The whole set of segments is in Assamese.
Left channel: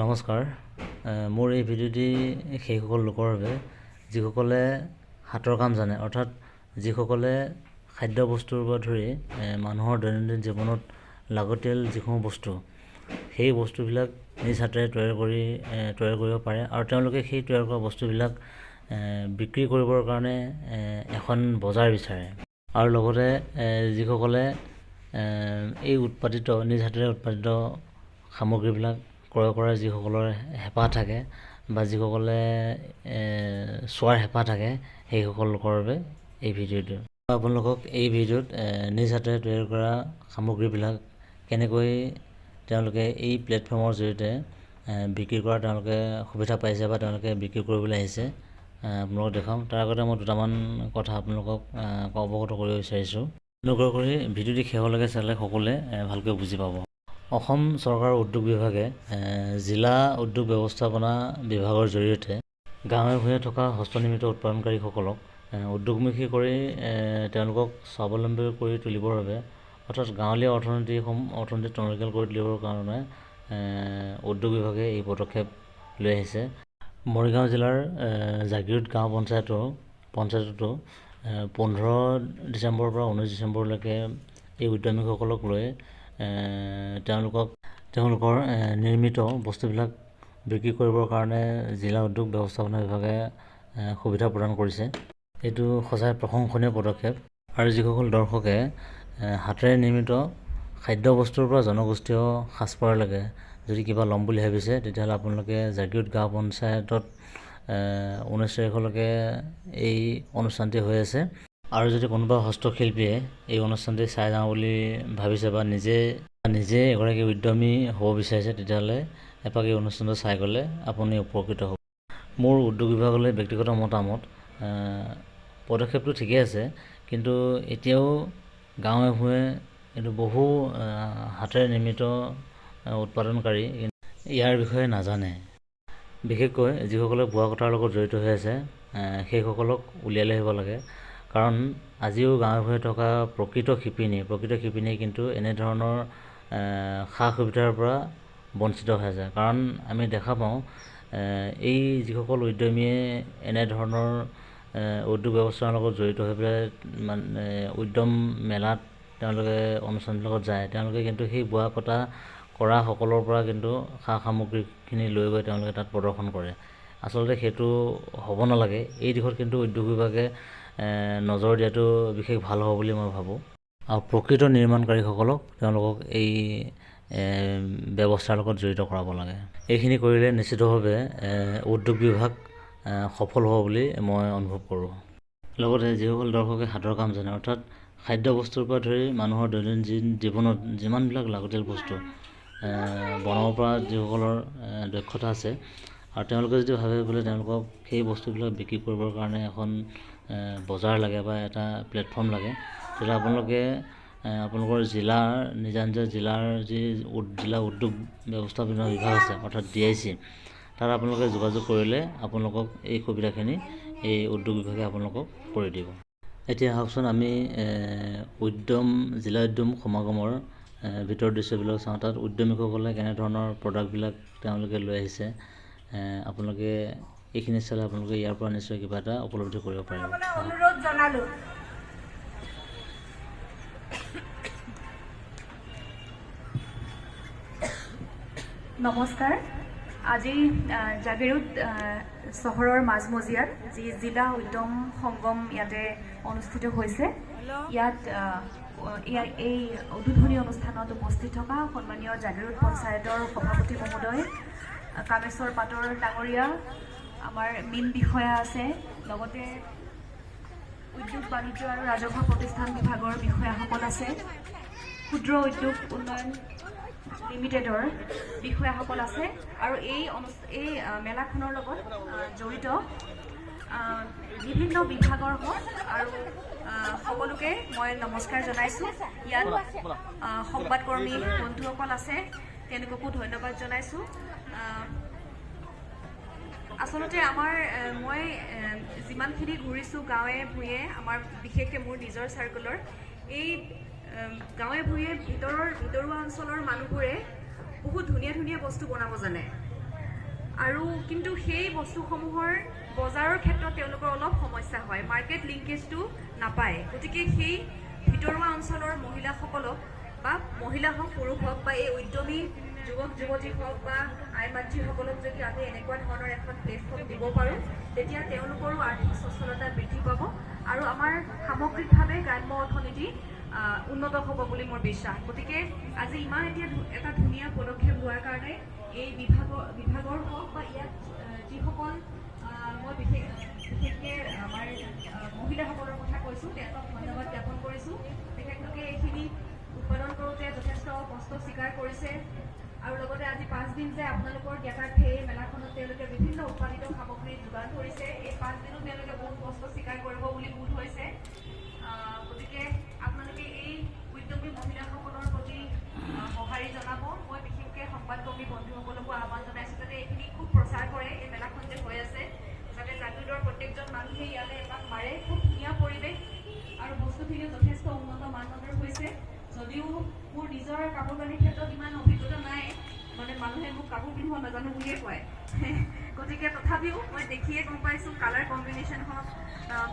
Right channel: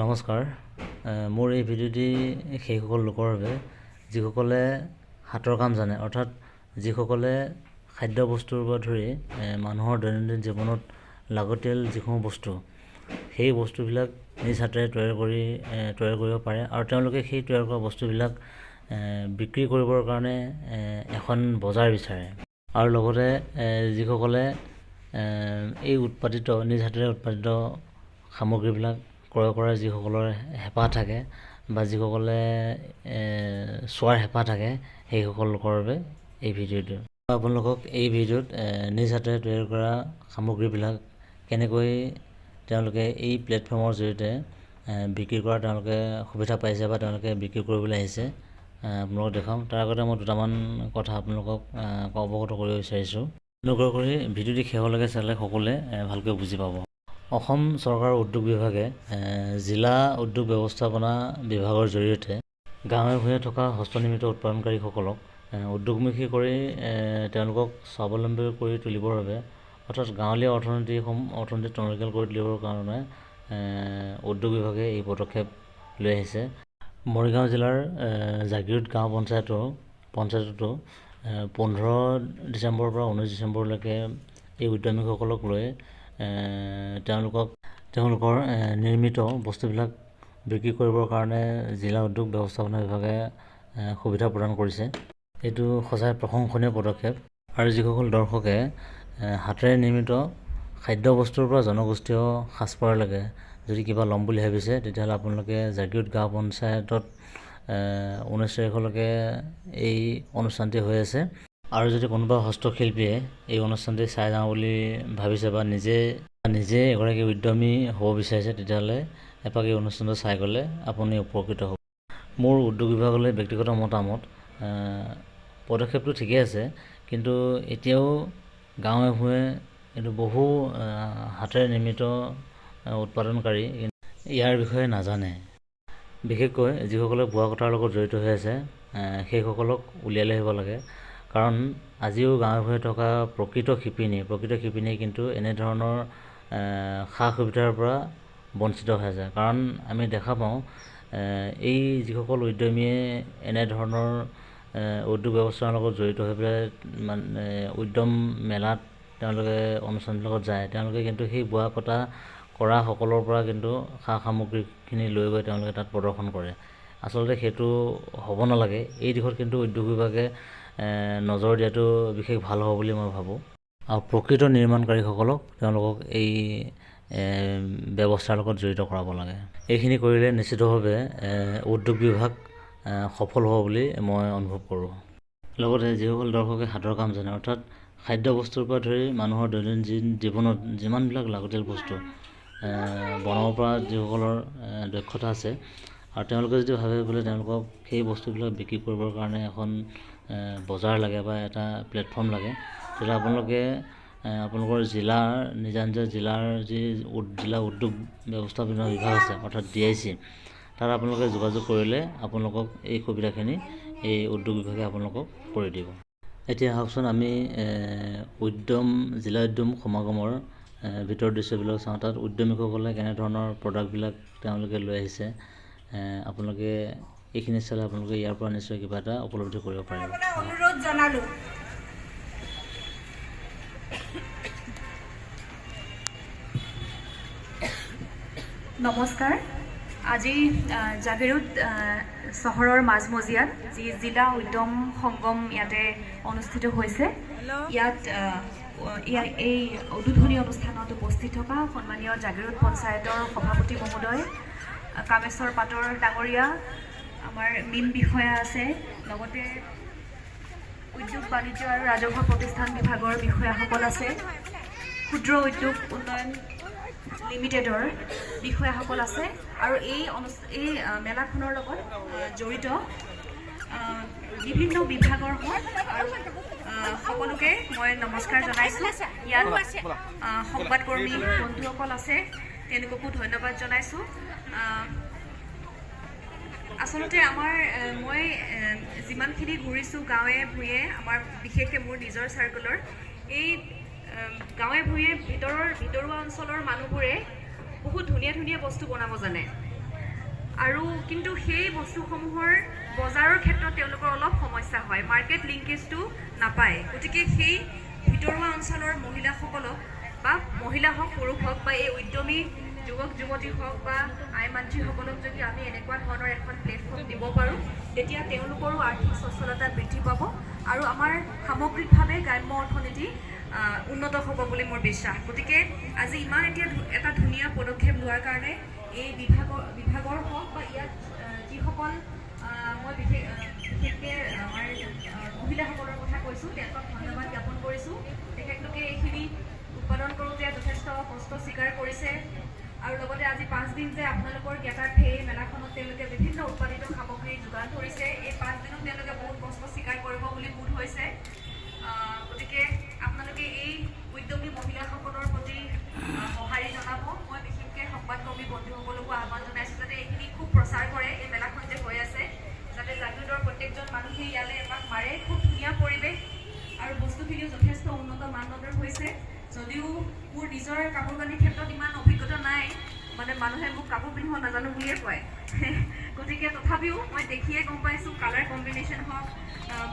নমস্কাৰ। মোৰ এই ভিডিঅ'টি সেইসকল লোকৰ বাবে যিসকলে হাতৰ কাম জানে, অৰ্থাৎ যিসকলে খাদ্য বস্তুৰ পৰা ধৰি মানুহৰ দৈনন্দিন জীৱনত লাগতিয়াল যিসমূহ বস্তু, সেই বস্তুবিলাক নিজ হাতেৰে তৈয়াৰ কৰিব পাৰে আৰু তেওঁলোকে সেই তৈয়াৰ কৰা বস্তুবিলাক বিক্ৰী কৰিবৰ কাৰণে এখন বজাৰ বিচাৰে। আৰু লগতে যিসকলে এই নিজ হাতেৰে উৎপাদিত সামগ্ৰীবিলাক ক্ৰয় কৰাৰ যিসকলৰ হেঁপাহ থাকে বা যিসকলে চোৱাৰ হেঁপাহ থাকে, সেইসকল লোকৰ বাবে এই ভিডিঅ'টো। আপোনালোকক এই ভিডিঅ'ত নিজ হাতেৰে তৈয়াৰ কৰা সামগ্ৰীবিলাক কেনেকৈ তেওঁলোকে এই প্লেটফৰ্মৰ জৰিয়তে বিক্ৰী কৰা তেওঁলোকে সুবিধা পাইছে বা তেওঁলোকে বিক্ৰী কৰিবলৈ আহিছে আপোনালোকক দেখাম। তাৰ আগতে মই দুটামান কথা আপোনালোকক অৱগত কৰিব বিচাৰিছোঁ। অনুগ্ৰহ কৰি ভিডিঅ'টি শেষলৈকে চালে সকলোৱে ভালকৈ বুজি পাব। অসম চৰকাৰৰ উদ্যোগ বিভাগে জিলা উদ্যোগ ব্যৱস্থাপনা বিভাগৰ জৰিয়তে গাঁৱে ভূঞে থকা হস্তনিৰ্মিত উৎপাদনকাৰীসকলক উদ্যোগমুখী কৰি তেওঁলোকক স্বাৱলম্বী কৰি তুলিবৰ বাবে, অৰ্থাৎ গাঁৱলীয়া অৰ্থনীতি টনকিয়াল কৰি তুলিবৰ কাৰণে উদ্যোগ বিভাগে এই পদক্ষেপ লৈ আহিছে। মৰিগাঁও জিলাৰ জাগিৰোড গাঁও পঞ্চায়ততো 15 ডিচেম্বৰৰ পৰা 19 ডিচেম্বৰলৈকে এই উদ্যমীসকলক লৈ তেওঁলোকৰ নিৰ্মিত বস্তুবিলাক বিক্ৰী কৰিবৰ কাৰণে জিলা উদ্যোগ ব্যৱস্থাপনা বিভাগে সুবিধা প্ৰদান কৰিছে। এইটো সঁচাই প্ৰশংসনীয় পদক্ষেপ। আৰু যিসকল দৰ্শকে হাতেৰে নিৰ্মিত খাদ্য বস্তুৰ পৰা জনগোষ্ঠীয় সাজপাৰলৈকে যদি কিবা ল'ম বুলি ভাবিছে, তেতিয়াহ'লে আপোনালোকে জাগিৰোড গাঁও পঞ্চায়তত 19 তাৰিখলৈকে এই অনুষ্ঠানটি হৈ আছে। আৰু যদি কোনোবা হস্তশিল্পীয়ে এই অনুষ্ঠানটি চাই যাওঁ বুলি ভাবিছে বা নিজে এগৰাকী উদ্যমী হ'ব বিচাৰিছে, তেতিয়াহ'লে এপাক এই অনুষ্ঠানটো চাই গ'লে আপুনি উপকৃত হ'ব। মোৰ উদ্যোগ বিভাগলৈ ব্যক্তিগত মতামত, পদক্ষেপটো ঠিকেই আছে, কিন্তু এতিয়াও গাঁৱে ভূঞে কিন্তু বহু হাতেৰে নিৰ্মিত উৎপাদনকাৰী ইয়াৰ বিষয়ে নাজানে। বিশেষকৈ যিসকলে বোৱা কটাৰ লগত জড়িত হৈ আছে, সেইসকলক উলিয়াই লৈ আহিব লাগে। কাৰণ আজিও গাঁৱে ভূঞে থকা প্ৰকৃত শিপিনীয়ে কিন্তু এনেধৰণৰ সা সুবিধাৰ পৰা বঞ্চিত হৈ আছে। কাৰণ আমি দেখা পাওঁ এই যিসকল উদ্যমীয়ে এনেধৰণৰ উদ্যোগ ব্যৱস্থাৰ লগত জড়িত হৈ পেলাই উদ্যম মেলাত তেওঁলোকে অনুষ্ঠানবিলাকত যায়, তেওঁলোকে কিন্তু সেই বোৱা কটা কৰা সকলৰ পৰা কিন্তু সা সামগ্ৰীখিনি লৈ গৈ তেওঁলোকে তাত প্ৰদৰ্শন কৰে। আচলতে সেইটো হ'ব নালাগে। এই দিশত কিন্তু উদ্যোগ বিভাগে নজৰ দিয়াটো বিশেষ ভাল হ'ব বুলি মই ভাবোঁ। আৰু প্ৰকৃত নিৰ্মাণকাৰীসকলক তেওঁলোকক এই ব্যৱস্থাৰ লগত জড়িত কৰাব লাগে। এইখিনি কৰিলে নিশ্চিতভাৱে উদ্যোগ বিভাগ সফল হ'ব বুলি মই অনুভৱ কৰোঁ। লগতে যিসকল দৰ্শকে হাতৰ কাম জানে, অৰ্থাৎ খাদ্য বস্তুৰ পৰা ধৰি মানুহৰ দৈনন্দিন জীৱনত যিমানবিলাক লাগতিয়াল বস্তু বনাব পৰা যিসকলৰ দক্ষতা আছে, আৰু তেওঁলোকে যদি ভাবে বোলে তেওঁলোকক সেই বস্তুবিলাক বিক্ৰী কৰিবৰ কাৰণে এখন বজাৰ লাগে বা এটা প্লেটফৰ্ম লাগে, তেতিয়াহ'লে আপোনালোকৰ নিজা জিলাৰ যি জিলা উদ্যোগ ব্যৱস্থাপনা বিভাগ আছে, অৰ্থাৎ DIC, তাত আপোনালোকে যোগাযোগ কৰিলে আপোনালোকক এই সুবিধাখিনি এই উদ্যোগ বিভাগে আপোনালোকক কৰি দিব। এতিয়া আহকচোন আমি জিলা উদ্যম সমাগমৰ ভিতৰৰ দৃশ্যবিলাক চাওঁ। তাত উদ্যমীসকলে কেনেধৰণৰ প্ৰডাক্টবিলাক তেওঁলোকে লৈ আহিছে, আপোনালোকে এইখিনি চালে আপোনালোকে ইয়াৰ পৰা নিশ্চয় কিবা এটা উপলব্ধি কৰিব পাৰিব। অনুৰোধ জনালোঁ। নমস্কাৰ। আজি জাগিৰোড চহৰৰ মাজমজিয়াত যি জিলা উদ্যম সংগম ইয়াতে অনুষ্ঠিত হৈছে, ইয়াত এই উদ্বোধনী অনুষ্ঠানত উপস্থিত থকা সন্মানীয় জাগিৰোড পঞ্চায়তৰ সভাপতি মহোদয় কামেশ্বৰ পাটৰ ডাঙৰীয়া, আমাৰ মীন বিষয়া আছে, লগতে উদ্যোগ বাণিজ্য আৰু ৰাজহুৱা প্ৰতিষ্ঠান বিভাগৰ বিষয়াসকল আছে, ক্ষুদ্ৰ উদ্যোগ উন্নয়ন লিমিটেডৰ বিষয়াসকল আছে, আৰু এই মেলাখনৰ লগত জড়িত বিভিন্ন বিভাগৰ আৰু সকলোকে মই নমস্কাৰ জনাইছোঁ। ইয়াত সংবাদকৰ্মী বন্ধুসকল আছে, তেওঁলোককো ধন্যবাদ জনাইছোঁ। আচলতে মই যিমানখিনি ঘূৰিছোঁ গাঁৱে ভূঞে, বিশেষকৈ মোৰ নিজৰ চাৰ্কুলৰ, এই গাঁৱে ভূঞে ভিতৰুৱা অঞ্চলৰ মানুহবোৰে বহুত ধুনীয়া বস্তু বনাব জানে। আৰু কিন্তু সেই বস্তুসমূহৰ বজাৰৰ ক্ষেত্ৰত তেওঁলোকৰ অলপ সমস্যা হয়, মাৰ্কেট লিংকেজটো নাপায়। গতিকে সেই ভিতৰুৱা অঞ্চলৰ মহিলাসকলক বা মহিলা হওক পুৰুষ হওক বা এই উদ্যমী যুৱক যুৱতী হওক বা আই মাতৃসকলক যদি আমি এনেকুৱা ধৰণৰ এখন প্লেটফৰ্ম দিব পাৰোঁ, তেতিয়া তেওঁলোকৰো আৰ্থিক সচ্ছলতা বৃদ্ধি পাব আৰু আমাৰ সামগ্ৰিকভাৱে গ্ৰাম্য অৰ্থনীতি উন্নত হ'ব বুলি মোৰ বিশ্বাস। গতিকে আজি ইমান এটা ধুনীয়া পদক্ষেপ লোৱাৰ কাৰণে এই বিভাগৰ হওক বা ইয়াত যিসকল মই বিশেষকৈ আমাৰ মহিলাসকলৰ কথা কৈছোঁ, তেওঁলোকক ধন্যবাদ জ্ঞাপন কৰিছোঁ। তেখেতলোকে এইখিনি উৎপাদন কৰোঁতে যথেষ্ট কষ্ট স্বীকাৰ কৰিছে আৰু লগতে আজি 5 দিন যে আপোনালোকৰ জ্ঞাতাৰ্থে এই মেলাখনত তেওঁলোকে বিভিন্ন উৎপাদিত সামগ্ৰী যোগান ধৰিছে, এই 5 দিনত তেওঁলোকে বহুত কষ্ট স্বীকাৰ কৰিব বুলি বোধ হৈছে। গতিকে আপোনালোকে এই উদ্যমী মহিলাসকলৰ প্ৰতি সঁহাৰি জনাব। মই বিশেষকৈ সংবাদকৰ্মী বন্ধুসকলকো আহ্বান জনাইছোঁ যাতে এইখিনি খুব প্ৰচাৰ কৰে। এই মেলাখন যে হৈ আছে যাতে জাগিৰোডৰ প্ৰত্যেকজন মানুহে ইয়ালৈ এপাক মাৰে। খুব ধুনীয়া পৰিৱেশ আৰু বস্তুখিনিও যথেষ্ট উন্নত মানদণ্ডৰ হৈছে। যদিও মোৰ নিজৰ কাপোৰ কানিৰ ক্ষেত্ৰত ইমান অভিজ্ঞতা নাই, মানে মানুহে মোক কাপোৰ পিন্ধিব নাজানো বুলিয়ে কয়, গতিকে তথাপিও মই দেখিয়ে গম পাইছোঁ কালাৰ কম্বিনেশ্যন হওক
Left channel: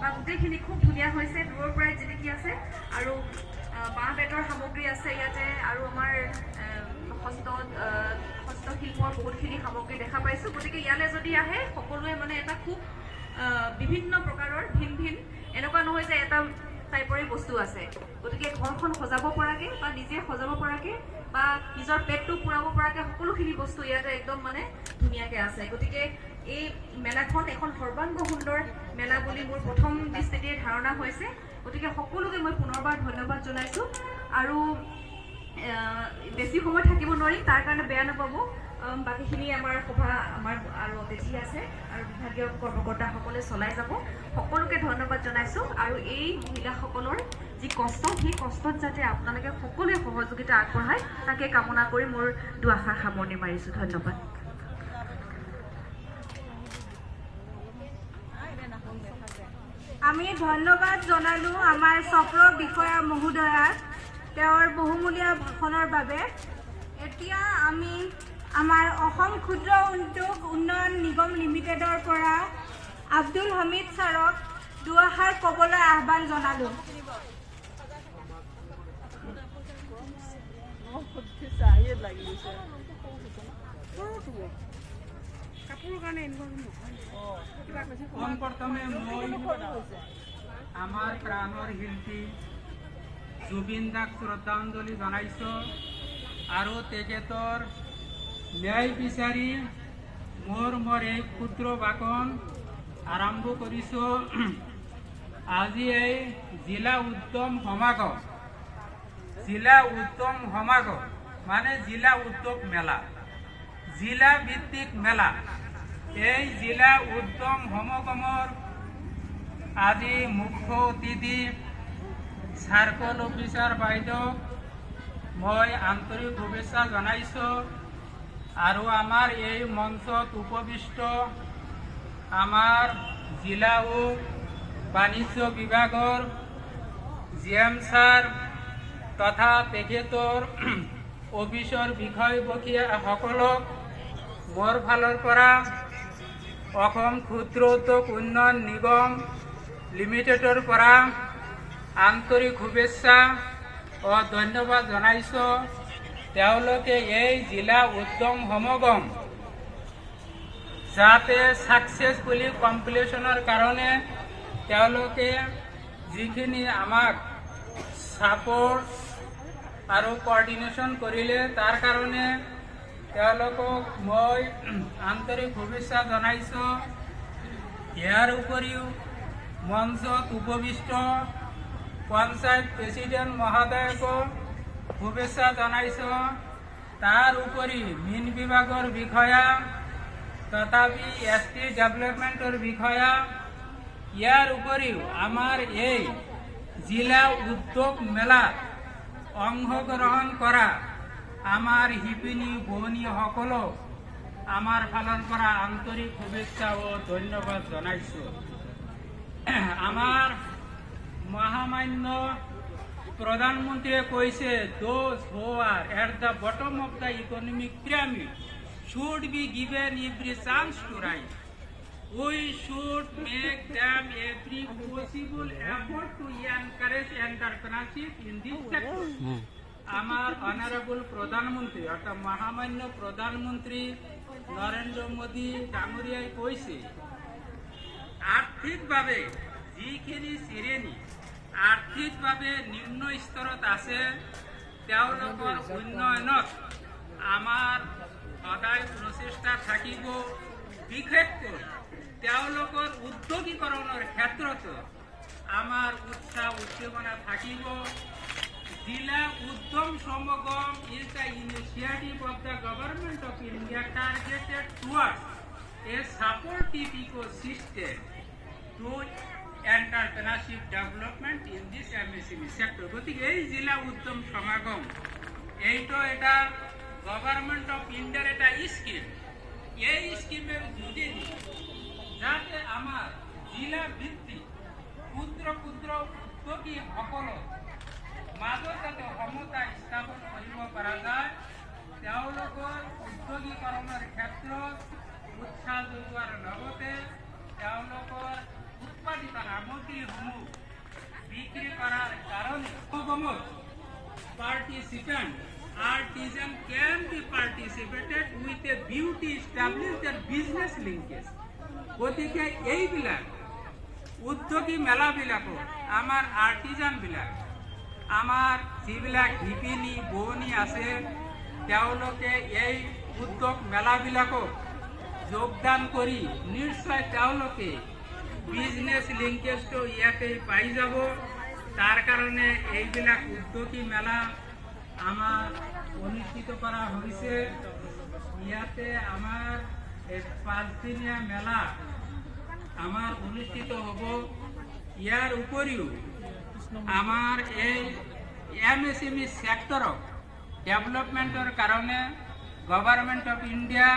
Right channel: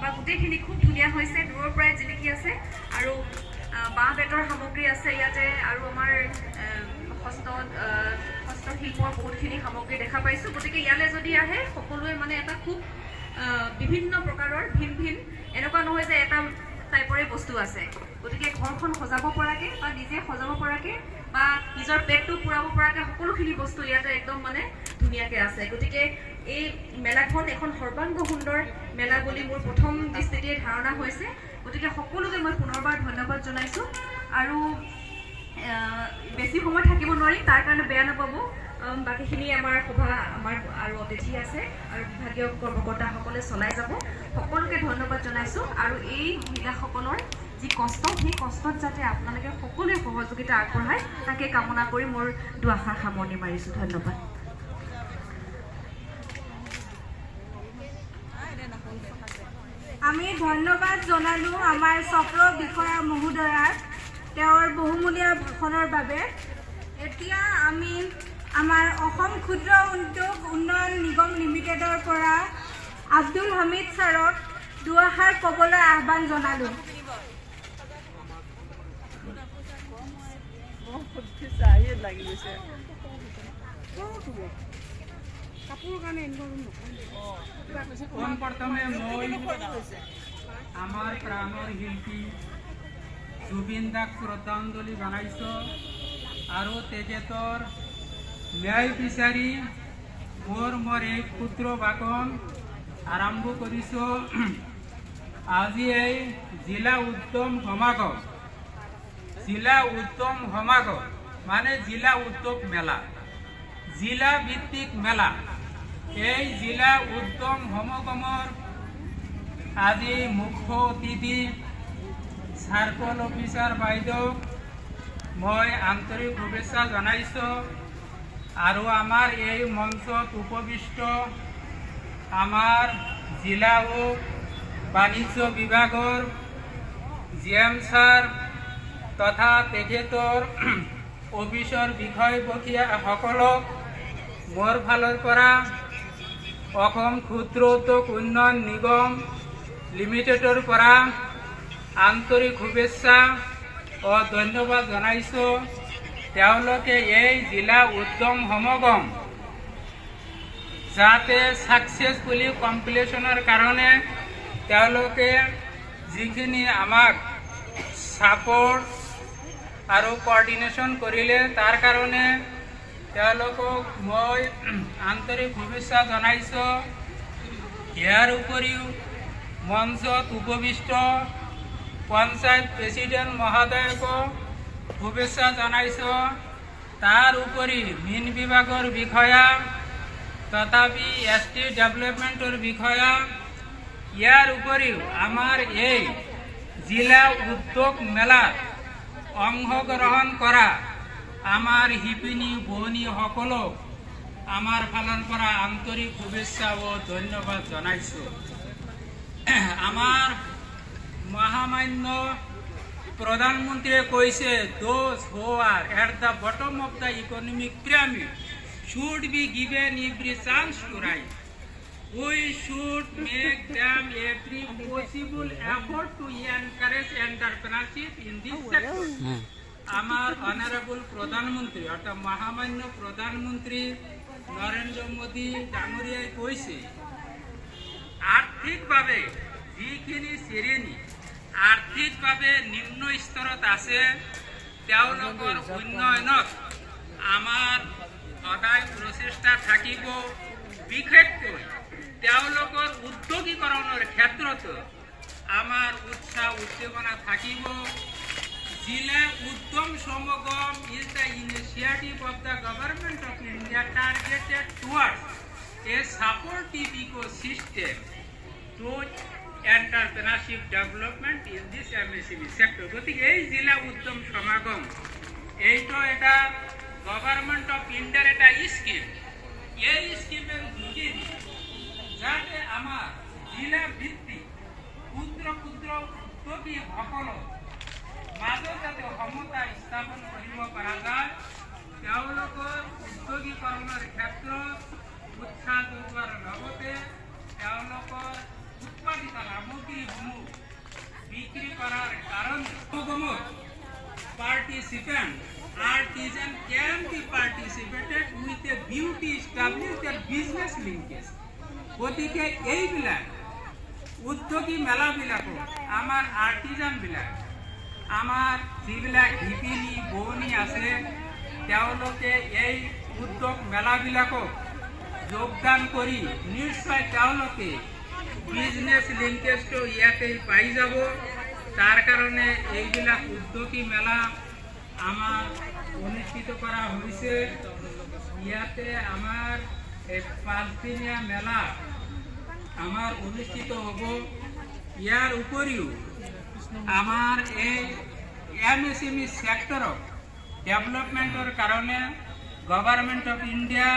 বা গোটেইখিনি খুব ধুনীয়া হৈছে। দূৰৰ পৰাই জিলিকি আছে আৰু বাঁহ বেতৰ সামগ্ৰী আছে ইয়াতে আৰু আমাৰ হস্তশিল্পৰ বহুতখিনি সামগ্ৰী দেখা পাইছোঁ। গতিকে ইয়ালৈ যদি আহে সকলোৱে মানে এটা খুব বিভিন্ন প্ৰকাৰৰ ভিন ভিন, এনেকুৱা নহয় যে এটা টাইপৰে বস্তু আছে। গতিকে ঘৰখন সজাব পৰাকৈ বা নিজে সজাব পৰাকৈ বা নিজৰ পেটটো পূৰাব পৰাকৈ সকলোখিনি বস্তু ইয়াতে একদম মানে ধুনীয়াকৈ আছে। গতিকে এই মেলাখন এখন সৰ্বাংগ সুন্দৰ মেলা বুলি মোৰ প্ৰথম দৃষ্টিতে ধাৰণা হৈছে। গতিকে সকলোকে মই পুনৰবাৰ ধন্যবাদ জনাইছোঁ আৰু বেছি সময় থাকিব নোৱাৰি, তাৰ কাৰণে বেয়া নাপাব। বাকীখিনি আমাৰ সভা আৰু অতিথি আছে আৰু বিভাগীয় কৰ্মকৰ্তাসকলে চলাই যাব। সকলোকে ধন্যবাদ জনাইছোঁ আৰু এই মহিলাসকলৰ যি কষ্ট, সেই কষ্টত যাতে আপোনালোকে সকলোৱে সহযোগিতা আগবঢ়ায় তাকে কামনা কৰি মোৰ দুআষাৰ সামৰণি মাৰিছোঁ। ধন্যবাদ। আমি ধন্যবাদ জনালোঁ আমাৰ চক্ৰ বিষয়া মহোদয়াক তেওঁৰ বহুমূলীয়া ভাষণৰ বাবে। এতিয়া আমি আমাৰ অসম ক্ষুদ্ৰ উদ্যোগ উন্নয়ন নিগম লিমিটেডৰ পৰা আব্দুল হামিদ ছাৰক দুআষাৰ ক'বলৈ আহ্বান জনালোঁ। পোনপ্ৰথমে মই আমাৰ প্ৰাণৰ শিল্পী জুবিন দাক শ্ৰদ্ধাঞ্জলি জনাইছোঁ আৰু তেখেতৰ ন্যায় বিচাৰি মোৰ এই ক্ষুদ্ৰ ভাষণ আৰম্ভ কৰিছোঁ। আজি এই জিলা উদ্যম সমাগম মানে জিলা উদ্যোগ মেলা, জিলা ভিত্তিক মেলা। এই জিলা উদ্যম সমাগমৰ আজি মুখ্য অতিথি চাৰ্কল অফিচাৰ বাইদেউক মই আন্তৰিক শুভেচ্ছা জনাইছোঁ আৰু আমাৰ এই মঞ্চত উপবিষ্ট আমাৰ জিলা ও বাণিজ্য বিভাগৰ GM ছাৰ তথা তেখেতৰ অফিচৰ বিষয়ববীয়াসকলক মোৰ ফালৰ পৰা অসম ক্ষুদ্ৰ উদ্যোগ উন্নয়ন নিগম লিমিটেডৰ পৰা আন্তৰিক শুভেচ্ছা ও ধন্যবাদ জনাইছোঁ। তেওঁলোকে এই জিলা উদ্যম সমাগম যাতে ছাকচেছফুলি কমপ্লিশ্যনৰ কাৰণে তেওঁলোকে যিখিনি আমাক ছাপোৰ্ট আৰু কোঅৰ্ডিনেশ্যন কৰিলে তাৰ কাৰণে তেওঁলোকক মই আন্তৰিক শুভেচ্ছা জনাইছোঁ। ইয়াৰ উপৰিও মঞ্চত উপবিষ্ট পঞ্চায়ত প্ৰেচিডেণ্ট মহোদয়কো শুভেচ্ছা জনাইছোঁ। তাৰ উপৰি মীন বিভাগৰ বিষয়া তথাপি ST ডেভেলপমেণ্টৰ বিষয়া, ইয়াৰ উপৰিও আমাৰ এই জিলা উদ্যোগ মেলাত অংশগ্ৰহণ কৰা আমাৰ শিপিনী ভগ্নীসকলক আমাৰ ফালৰ পৰা আন্তৰিক শুভেচ্ছা ও ধন্যবাদ জনাইছোঁ। আমাৰ মহামান্য প্ৰধানমন্ত্ৰীয়ে কৈছে, those who are at the bottom of the economic pyramid should be given every chance to rise. We should make them every possible effort to encourage entrepreneurship in this sector. আমার অনারেবল প্রধানমন্ত্রী অর্থাৎ মহামান্য প্রধানমন্ত্রী নরেন্দ্র মোদী ডাঙৰীয়াই কৈছে আৰ্থিকভাৱে যিখিনি শ্ৰেণী আৰ্থিকভাৱে নিম্ন স্তৰত আছে তেওঁলোকৰ উন্নয়নত আমাৰ সদায় প্ৰচেষ্টা থাকিব বিশেষকৈ তেওঁলোকৰ উদ্যোগীকৰণৰ ক্ষেত্ৰতো আমাৰ উৎসাহ উদ্দীপনা থাকিব Zilla Uddam Samagam is the initiative of the government of India targeted towards a supportive ecosystem to entrepreneurship development in this MSME sector. গতিকে এই জিলা উদ্যম সমাগম এইটো এটা গভর্নমেন্ট অফ ইন্ডিয়ার এটা স্কিম এই স্কিমের যোগেদি যাতে আমার জিলা ভিত্তিক ক্ষুদ্র ক্ষুদ্র উদ্যোগীসকলক মাজত যাতে সমতা স্থাপন কৰিব পৰা যায় তেওঁলোকৰ উদ্যোগীকৰণৰ ক্ষেত্ৰত উৎসাহ যোগোৱাৰ লগতে তেওঁলোকৰ উৎপাদিত সামগ্ৰীসমূহ বিক্ৰী কৰাৰ কাৰণে সমাগমত participant artisan can be participated with a view to establish their business linkage. গতিকে এইবিলাক উদ্যোগী মেলাবিলাকত আমাৰ আৰ্টিজানবিলাক আমাৰ যিবিলাক শিপিনী বোৱনী আছে তেওঁলোকে এই উদ্যোগ মেলাবিলাকত যোগদান কৰি নিশ্চয় তেওঁলোকে বিজনেছ লিংকেজটো ইয়াতে পাই যাব তাৰ কাৰণে এইবিলাক উদ্যোগী মেলা আমাৰ অনুষ্ঠিত কৰা হৈছে ইয়াতে আমাৰ এই 5 দিনীয়া মেলা আমাৰ অনুষ্ঠিত হ'ব ইয়াৰ উপৰিও আমাৰ এই MSME সেক্টৰক ডেভেলপমেন্টৰ কাৰণে government of India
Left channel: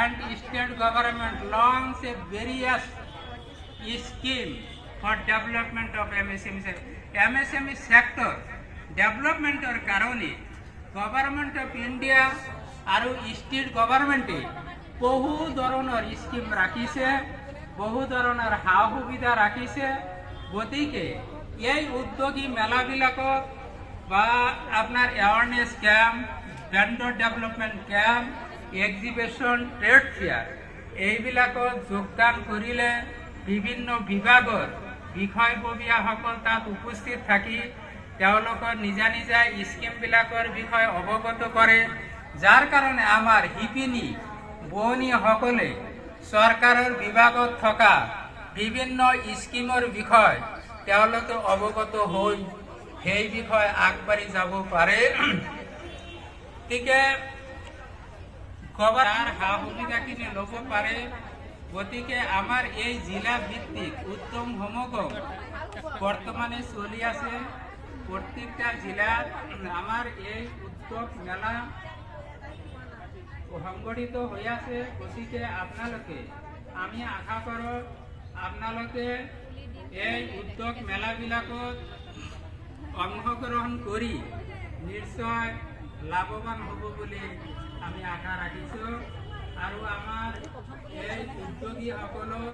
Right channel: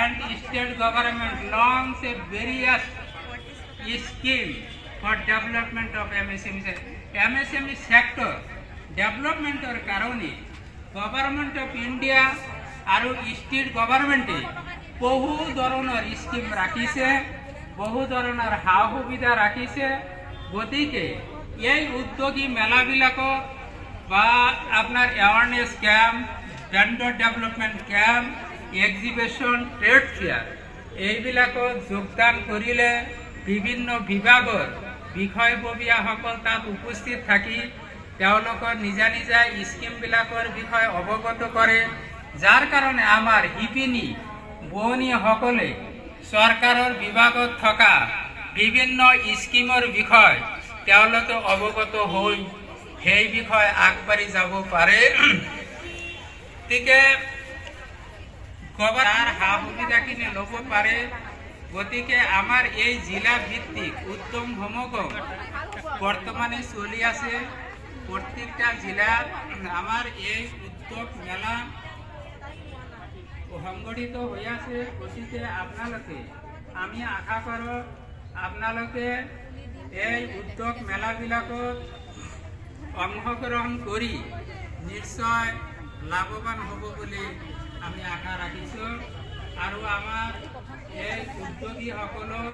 and state government launch a various scheme for development of MSME sector ডেভেলপমেন্টৰ কাৰণে গভৰ্নমেন্ট অফ ইন্ডিয়া আৰু স্টেট গভৰ্নমেন্টে বহু ধৰণৰ স্কিম ৰাখিছে বহু ধৰণৰ সা সুবিধা ৰাখিছে গতিকে এই উদ্যোগী মেলাবিলাকত বা আপনাৰ awareness camp gender development camp exhibition trade fair এইবিলাকত যোগদান কৰিলে বিভিন্ন বিভাগৰ বিষয়ববীয়াসকল তাত উপস্থিত থাকি তেওঁলোকৰ নিজা নিজা স্কিমবিলাকৰ বিষয়ে অৱগত কৰে যাৰ কাৰণে আমাৰ শিপিনী বোৱনীসকলে চৰকাৰৰ বিভাগত থকা বিভিন্ন স্কিমৰ বিষয় তেওঁলোকে অৱগত হৈ সেই বিষয়ে আগবাঢ়ি যাব পাৰে গতিকে গভৰ্ণৰ সা সুবিধাখিনি ল'ব পাৰে গতিকে আমাৰ এই জিলা ভিত্তিক উদ্যম সমাগম বৰ্তমানে চলি আছে প্ৰত্যেকটা জিলাত আমাৰ এই উদ্যোগ মেলা সংগঠিত হৈ আছে গতিকে আপোনালোকে আমি আশা কৰোঁ আপোনালোকে এই উদ্যোগ মেলাবিলাকত অংশগ্ৰহণ কৰি নিশ্চয় লাভৱান হ'ব বুলি আমি আশা ৰাখিছোঁ আৰু আমাৰ এই উদ্যোগীসকলক